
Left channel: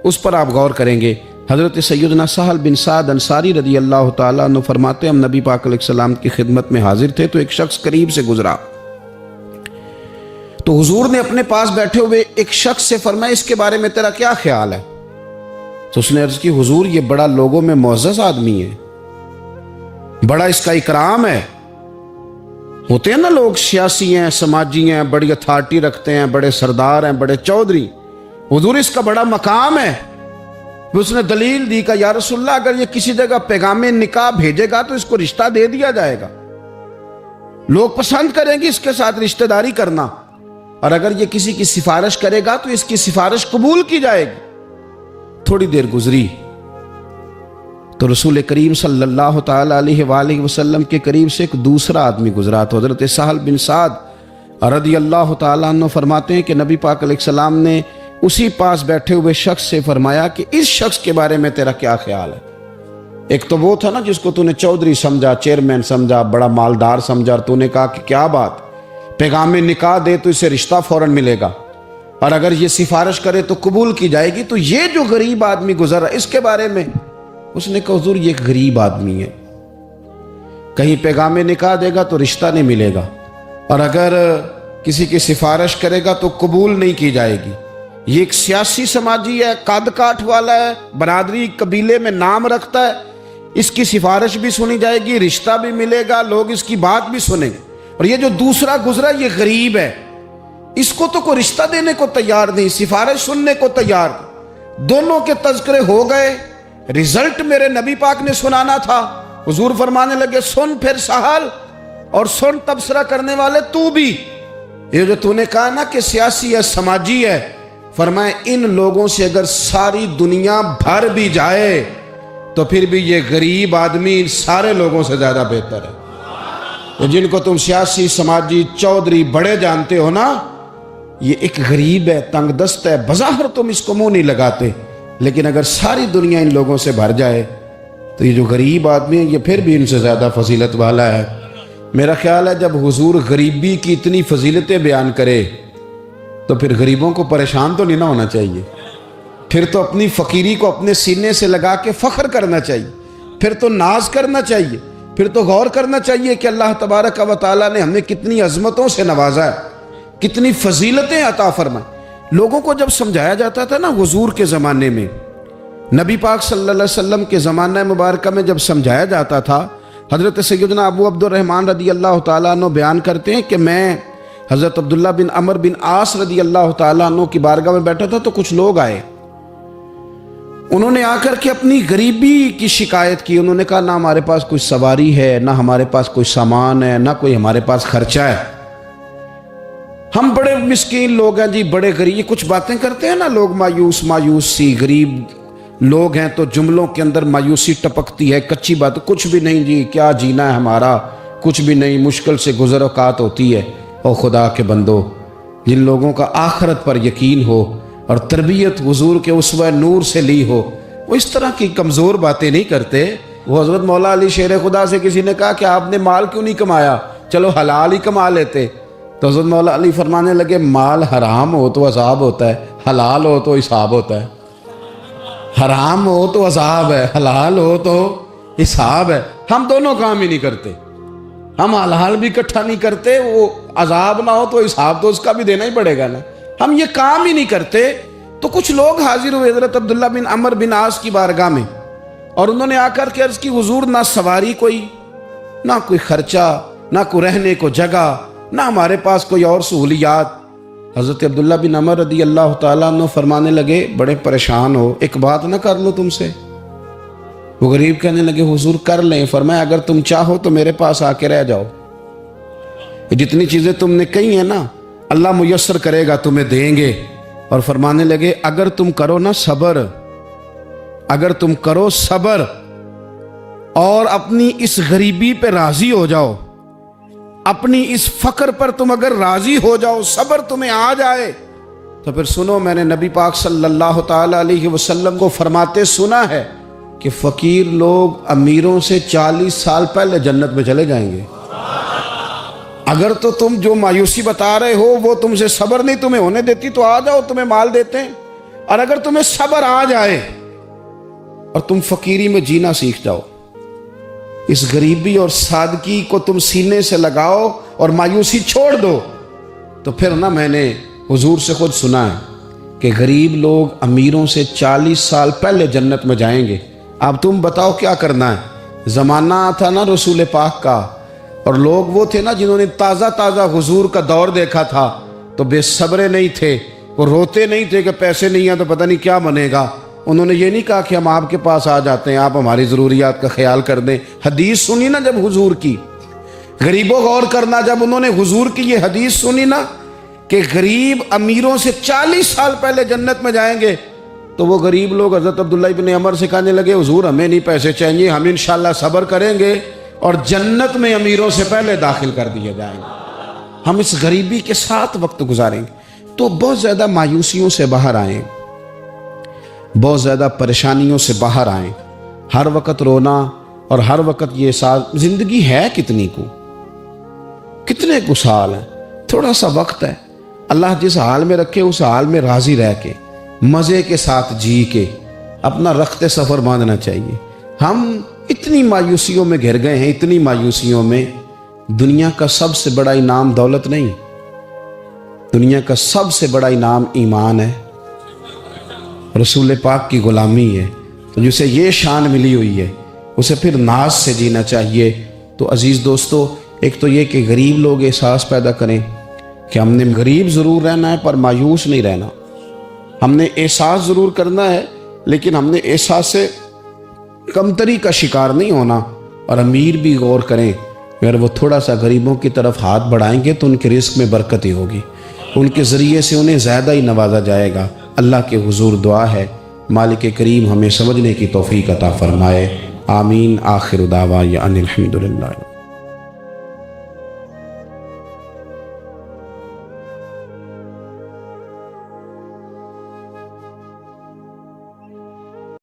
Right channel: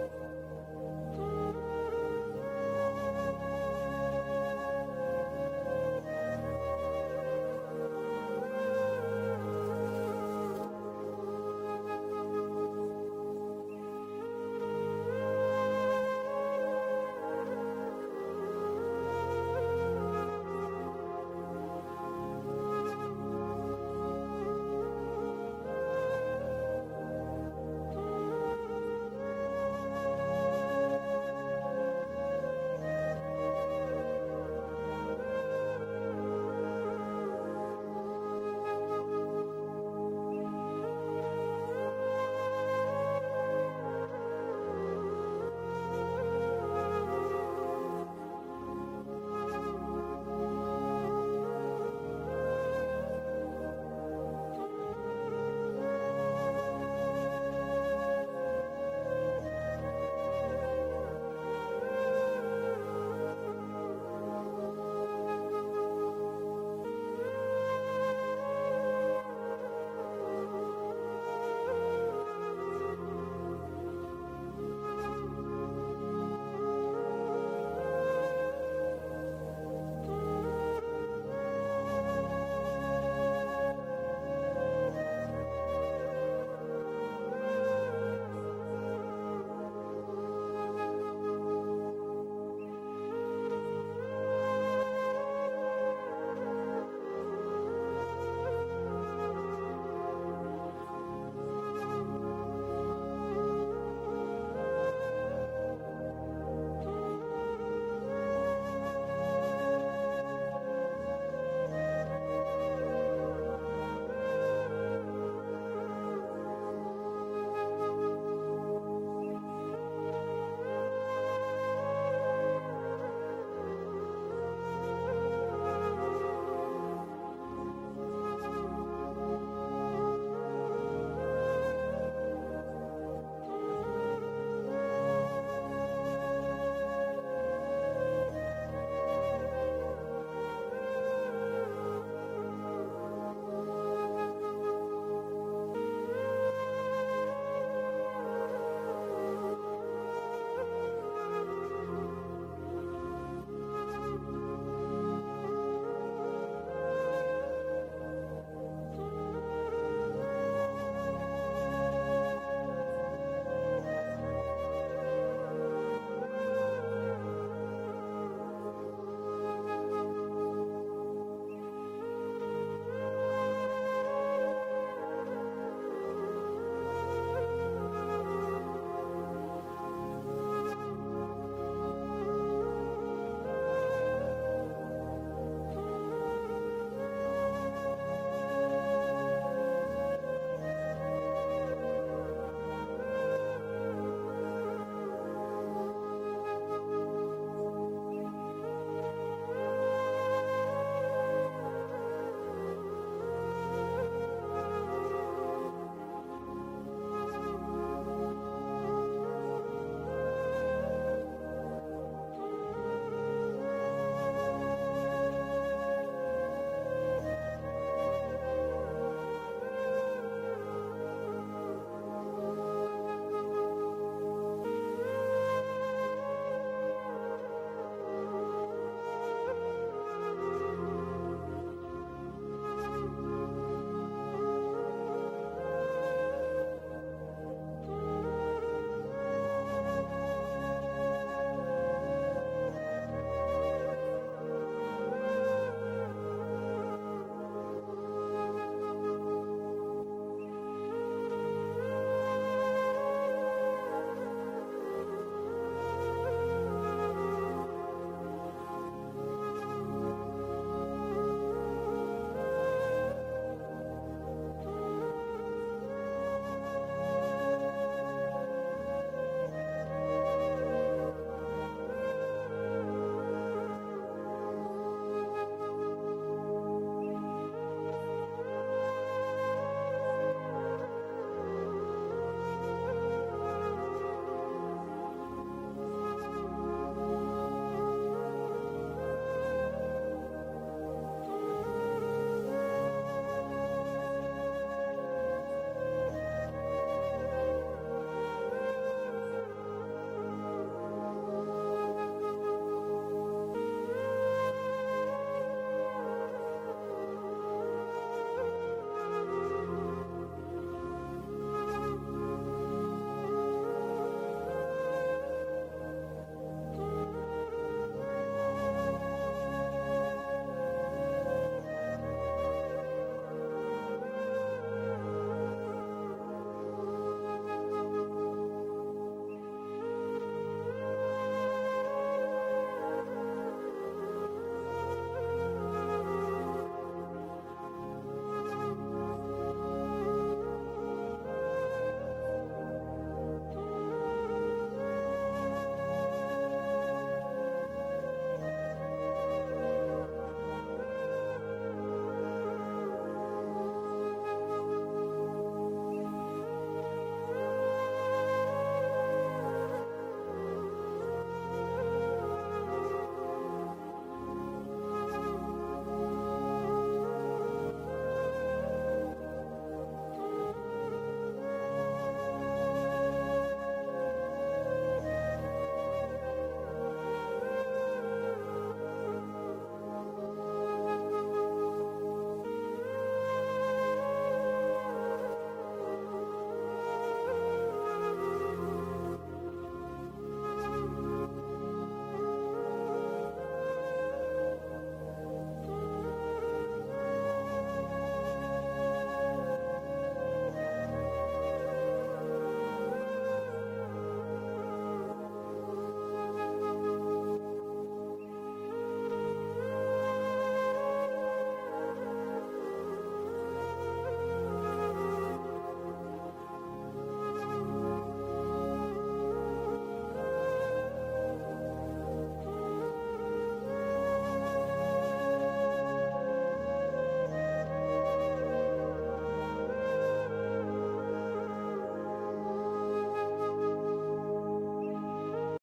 اس پر آپ غور کریں گے۔ حضرت سیدنا سہل بن سعد انصاری رضی اللہ تعالیٰ عنہ فرماتے ہیں ہم نبی پاک علیہ السلام کی خدمت میں حاضر تھے تو ایک شخص قریب سے گزرا، تو حضور نے اپنے پاس بیٹھے ہوئے ایک شخص سے فرمایا اس کے بارے میں تیرا کیا خیال ہے؟ تو اس نے عرض کی حضور یہ بڑا لوگوں میں معزز آدمی ہے، بڑا اس کا اکرام ہے۔ ہوتے ہیں نا لوگ سیاسی ہیں، سماجی ہیں، بڑی اتھارٹی رکھتے ہیں، بڑے سردار ہیں، بڑے چودھری، حضور اس کا بڑا مقام ہے۔ اس نے دلیل دی کہ یا رسول اللہ اگر یہ کسی جگہ پیغام نکاح بھیجے گا تو اس کو رشتہ دے دیا جائے گا، لوگ پسند کریں گے اس کے ساتھ رشتہ داری کرنا، اور اگر یہ کسی کی سفارش کرے گا تو اس کی سفارش قبول کی جائے گی۔ تھوڑی دیر گزری تو رسول کریم صلی اللہ تعالیٰ علیہ وآلہ وسلم کے قریب سے ایک دوسرا آدمی گزرا، تو حضرت سہل بن سعد رضی اللہ تعالیٰ عنہ فرماتے ہیں کہ نبی پاک علیہ السلام نے اسی پاس بیٹھے ہوئے شخص سے فرمایا کہ اس شخص کے بارے میں تیرا کیا خیال ہے؟ ایک تو وہ تھا نا جس کو تو نے چودھری سمجھا، چیئرمین سمجھا، بڑا مالدار سمجھا، اور تو نے کہا کہ کیا بات، پیغام نکاح دے تو اسے رشتہ فوراً ملے گا، اور اگر یہ سفارش کرے تو قبول کی جائے گی۔ تو یہ جو غریب آدمی گزرا اس کے بارے میں اس نے کہا حضور یہ ایک غریب آدمی ہے، کہیں پیغام نکاح دے گا تو رشتہ نہیں ملے گا، اور اگر کسی کی سفارش کرے گا تو قبول نہیں کی جائے گی۔ یہ ایک سیاسی سماجی ہے، قد کاٹ والا ہے، برادری قبیلے میں نام رکھتا ہے، اس کی سفارش بھی سنی جائے گی، رشتہ بھی ملے گا، لوگ اس کی بات بھی سنیں گے۔ اور یہ جو دوسرا گزرا یہ غریب ہے، اس کو تو کوئی رشتہ دینے کو تیار نہیں، سفارش سننے کو تیار نہیں۔ دونوں کے تذکرے ہو گئے، رزلٹ میرے نبی پاک نے سنانا تھا۔ حضور فرمانے لگے سن پھر سہل، اور سن تبصرہ کرنے والے تو بھی، یہ جو تو نے کہا نا کہ سیاسی ہے، سماجی ہے، فرمائے ان لوگوں سے اگر ساری دنیا بھر بھی جائے تو پھر بھی یہ غریب آدمی ان سارے لوگوں سے زیادہ بہتر ہے۔ جن کو تم سیاسی سماجی چودھری بڑے جانتے ہو نا، یہ ایک غریب ہے، تنگ دست ہے، بظاہر تم اس کو منہ نہیں لگاتے، لیکن اگر ساری دنیا ان لوگوں سے بھر جائے تو یہ جو غریب آدمی ہے یہ پھر بھی ان سے زیادہ فضیلت والا ہے۔ میرا خیال ہے جب حضور غریبی کی اتنی فضیلتیں بیان کرے تو پھر غریبوں کو پریشان تو نہیں نہ ہونا چاہیے، پھر تو اپنی فقیری کو اپنے سینے سے لگا کے فخر کرنا چاہیے، پھر تو ناز کرنا چاہیے، پھر تو غور کرنا چاہیے کہ اللہ تبارک و تعالیٰ نے ہمیں کتنی عظمتوں سے نوازا ہے، کتنی فضیلتیں عطا فرمائیں۔ لوگوں کو جب سمجھایا جاتا تھا نا حضور کے زمانے میں، نبی پاک صلی اللہ علیہ وسلم کے زمانہ مبارکہ میں جب سمجھایا جاتا تھا، حضرت سیدنا ابو عبد الرحمن رضی اللہ تعالیٰ عنہ بیان کرتے ہیں کہ میں حضرت عبداللہ بن عمر بن عاص رضی اللہ تعالیٰ عنہ کی بارگاہ میں بیٹھا تھا تو کچھ لوگ آئے، انہوں نے آ کر کے اپنی غریبی کی شکایت کی۔ انہوں نے کہا نہ ہمارے پاس کوئی سواری ہے، نہ ہمارے پاس کوئی سامان ہے، نہ کوئی ہمارے پاس خرچہ ہے، ہم بڑے مسکین لوگ ہیں جی، بڑے غریب۔ یہ کچھ باتیں کرتے ہیں نا لوگ، مایوس سی، غریب لوگ ہیں تو جملوں کے اندر مایوسی ٹپکتی ہے، کچی بات، کچھ بھی نہیں جی، کیا جینا ہے ہمارا، کچھ بھی نہیں، مشکل سے گزر اوقات ہوتی ہے۔ او خدا کے بندو، جن لوگوں کا آخرت پر یقین ہو اور تربیت حضور کے اسوہ نور سے لی ہو، وہ اس طرح کی کمزور باتیں نہیں کرتے۔ وہ حضرت مولا علی شیر خدا سے کسی نے کہا کہ آپ نے مال کیوں نہیں کمایا، چلو حلال ہی کما لیتے۔ تو حضرت مولا علی فرمانے لگے مال حرام ہو تو عذاب ہوتا ہے، حلال ہو تو حساب ہوتا ہے۔ حرام ہو تو عذاب ہے، حلال ہو تو حساب ہے۔ ہم دونوں کام ہی نہیں کرتے، ہم حلال بھی اکٹھا نہیں کرتے، وہ عذاب نہ ہو تو حساب تو اس کا بھی دینا ہی پڑے گا نا، ہم یہ کام ہی نہیں کرتے۔ تو کچھ لوگ حاضر ہوئے حضرت عبداللہ بن عمر بن عاص کی بارگاہ میں، اور انہوں نے آ کر کے عرض کی حضور نہ سواری کوئی، نہ کوئی خرچہ، نہ کوئی رہنے کو جگہ، نہ ہمارے پاس کوئی اور سہولیات۔ حضرت عبداللہ بن عمر رضی اللہ تعالیٰ عنہ فرمانے لگے بڑے پریشان ہو، ایک بات نہ کر لو تم سے؟ وہ غریب کہنے لگے حضور کر لیں۔ فرمایا اگر تم چاہو تو میرے پاس آ کے رہ جاؤ، جتنی چیزیں تم نے کہی ہیں نا اللہ میسر کرے گا، تمہیں دیں گے۔ اور فرمانے لگے اگر تم کرو نا صبر، اگر تم کرو صبر اور اپنی اس غریبی پہ راضی ہو جاؤ، اپنی اس فقر پر تم اگر راضی ہو جاؤ، صبر تمہیں آ جائے، تو پھر سنو میں نے نبی پاک صلی اللہ تعالیٰ علیہ وسلم کو فرماتے سنا ہے کہ فقیر لوگ امیروں سے 40 سال پہلے جنت میں چلے جائیں گے۔ اگر تو تم جو مایوسی بتا رہے ہو وہ تم سے صبر نہیں تمہیں ہونے دیتی تو آ جاؤ، تمہیں مال دیتے ہیں۔ اور اگر تمہیں صبر آ جائے اور تم فقیری میں جینا سیکھ جاؤ، اس غریبی اور سادگی کو تم سینے سے لگاؤ اور مایوسی چھوڑ دو، تو پھر نا میں نے حضور سے خود سنا ہے کہ غریب لوگ امیروں سے 40 سال پہلے جنت میں جائیں گے۔ اب تم بتاؤ کیا کرنا ہے؟ زمانہ تھا نا رسول پاک کا، اور لوگ وہ تھے نا جنہوں نے تازہ تازہ حضور کا دور دیکھا تھا، تو بے صبرے نہیں تھے، وہ روتے نہیں تھے کہ پیسے نہیں ہیں تو پتہ نہیں کیا بنے گا۔ انہوں نے یہ نہیں کہا کہ ہم آپ کے پاس آ جاتے ہیں، آپ ہماری ضروریات کا خیال کر دیں۔ حدیث سنی نا جب حضور کی، غریبوں غور کرنا، جب انہوں نے حضور کی یہ حدیث سنی نا کہ غریب امیروں سے 40 سال پہلے جنت میں جائیں گے، تو وہ غریب لوگ حضرت عبداللہ بن عمر سے کہنے لگے حضور ہمیں نہیں پیسے چاہیے، ہم انشاءاللہ صبر کریں گے اور جنت میں امیروں سے پہلے داخل کر دیے جائیں گے، ہم اس غریبی کے ساتھ وقت گزاریں گے۔ تو بہت زیادہ مایوسیوں سے باہر آئیں، بہت زیادہ پریشانیوں سے باہر آئیں، ہر وقت رونا اور ہر وقت یہ احساس زندگی ہے کتنی کو سال ہے، تھوڑا سا وقت ہے، اللہ جس حال میں رکھے اس حال میں راضی رہ کے مزے کے ساتھ جی کے اپنا رخت سفر باندھنا چاہیے۔ ہم اتنی مایوسیوں میں گھر گئے ہیں، اتنی مایوسیوں میں۔ دنیا کا سب سے بڑا انعام دولت نہیں، دنیا کا سب سے بڑا انعام ایمان ہے، رسول پاک کی غلامی ہے۔ تو جسے یہ شان ملی ہوئی ہے اسے پھر ناز سے جینا چاہیے۔ تو عزیز دوستو، ایک تو یہ کہ غریب لوگ احساس پیدا کریں کہ ہم نے غریب ضرور رہنا ہے پر مایوس نہیں رہنا، ہم نے احساس ضرور کرنا ہے لیکن ہم نے احساس سے کمتری کا شکار نہیں ہونا۔ اور امیر بھی غور کریں، اگر وہ تھوڑا سا غریبوں کی طرف ہاتھ بڑھائیں گے تو ان کے رزق میں برکت ہی ہوگی، ان کے ذریعے سے انہیں زیادہ ہی نوازا جائے گا۔ اللہ کے حضور دعا ہے مالک کریم ہمیں سمجھنے کی توفیق عطا فرمائے، آمین۔ آخر دعوانا ان الحمدللہ۔